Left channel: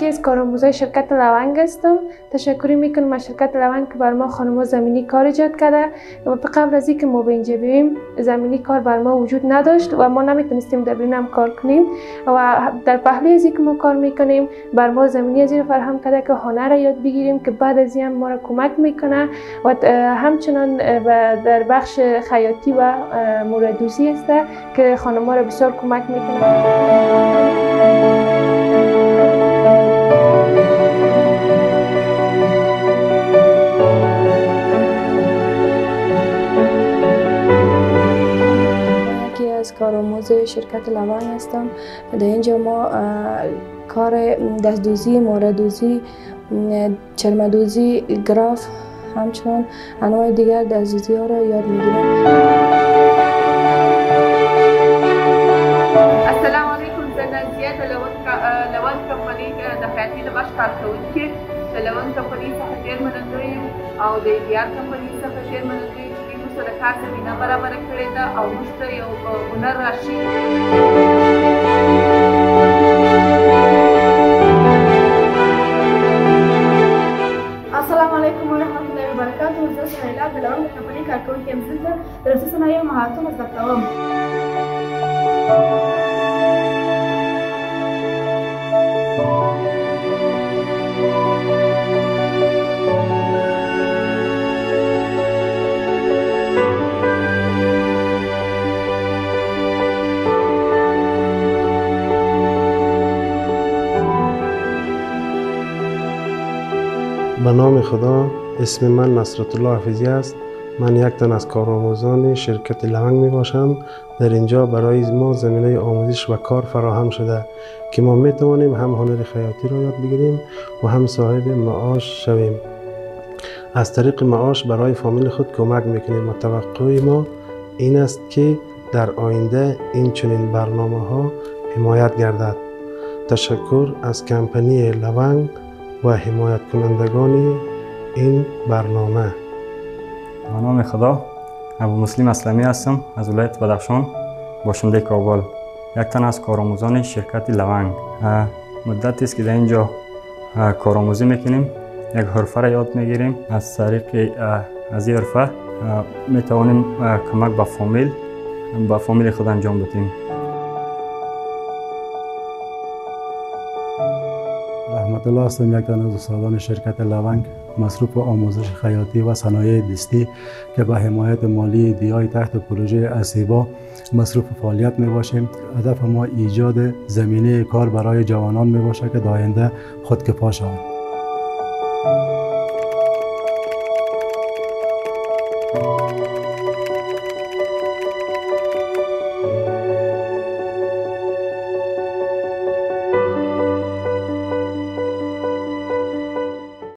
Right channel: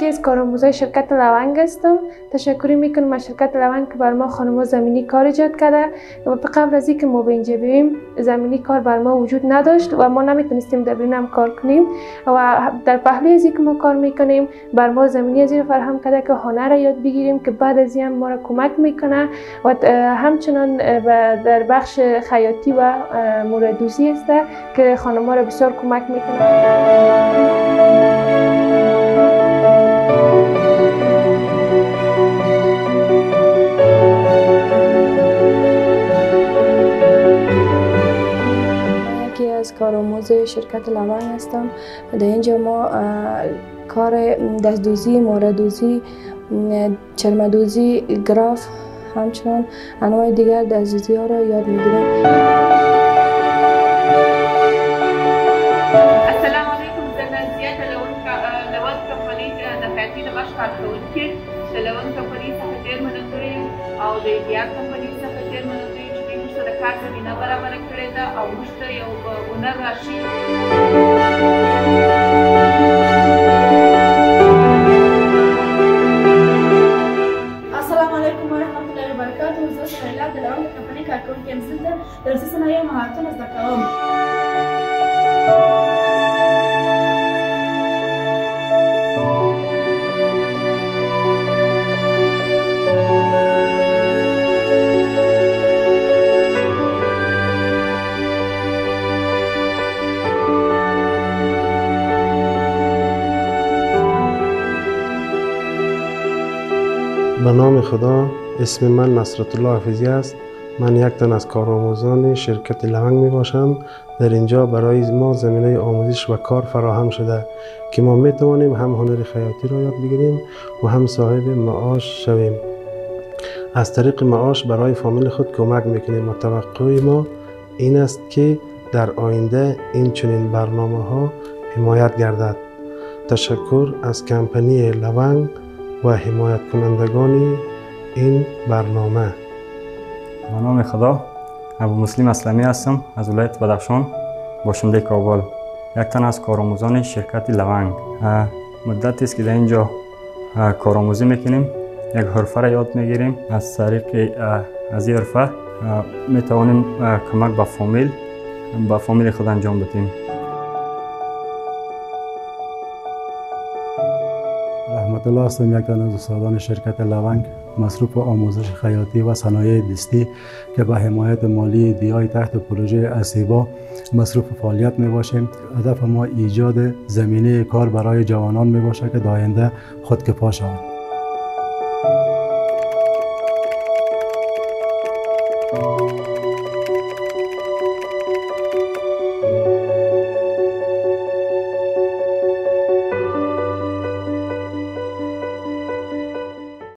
یکی از کارآموزای شرکت لونگ هستم. تشکر میکنم از شرکت لونگ که بر ما خانم‌ها زمینی کار ایجاد کرده و قبل از اینکه ما به اینجا بیاییم زمینی کار بر ما وجود نداشت و ما نمیتونستیم در بیرون هم کار کنیم و در پهلوی از اینکه ما کار میکنیم بر ما زمینی از این فراهم کرده که هنر را یاد بگیریم که بعد از این ما را کمک میکنه و همچنان در بخش خیاطی و موردوزی است که خانم‌ها را بسیار کمک میکنه. از کارآموز شرکت لونگ هستم. در اینجا ما کار دستدوزی، موردوزی، چرمدوزی، گراف، همچنان انواع دیگر دستدوزی ها را یاد میگیریم. السلام علیکم. زه نازیه د لونگ کمپنۍ د خیاطۍ د بخش کارکوونکې د لونگ کمپنۍ څخه ډېر منندوی یم او د ایډیال کمپنۍ څخه ډېر منندوی یم چې دوی موږ ته د کار زمینه برابره کړې ده او موږ ته یو هنر راښيي. السلام علیکم ورحمة الله وبرکاته. زه سهیلا د لونگ کمپنۍ کارکوونکې یم. زه دلته د لباسي صنایعو مهارتونه زده کوم. به نام خدا، اسم من نصرت الله حفیظی است. من یک تن از کارآموزان شرکت لونگ می باشم. در اینجا برای ما زمینه آموزش و کار فراهم شده که ما می توانیم هم هنر خیاطی را یاد بگیریم و هم صاحب معاش شویم. از طریق معاش برای فامیل خود کمک میکنیم و توقع ما این است که در آینده این چنین برنامه ها حمایت گردد. تشکر از کمپانی لونگ و حمایت کنندگان این برنامه. به نام خدا، ابو مسلم اسلمی هستم از ولایت بدخشان، باشنده کابل. یک تن از کارآموزان شرکت لونگ. مدتی است که در اینجا کارآموزی میکنیم. یک حرفه را یاد میگیریم. از طریق از این حرفه میتوانیم کمک به فامیل خود انجام بدیم. رحمت الله هستم. یک تن از استادان شرکت لونگ، مصروف آموزش خیاطی و صنایع دستی که به حمایت مالی دیای تحت پروژه اسیبا مصروف فعالیت می باشیم. هدف ما ایجاد زمینه کار برای جوانان می باشه که در آینده خودکفا شوند.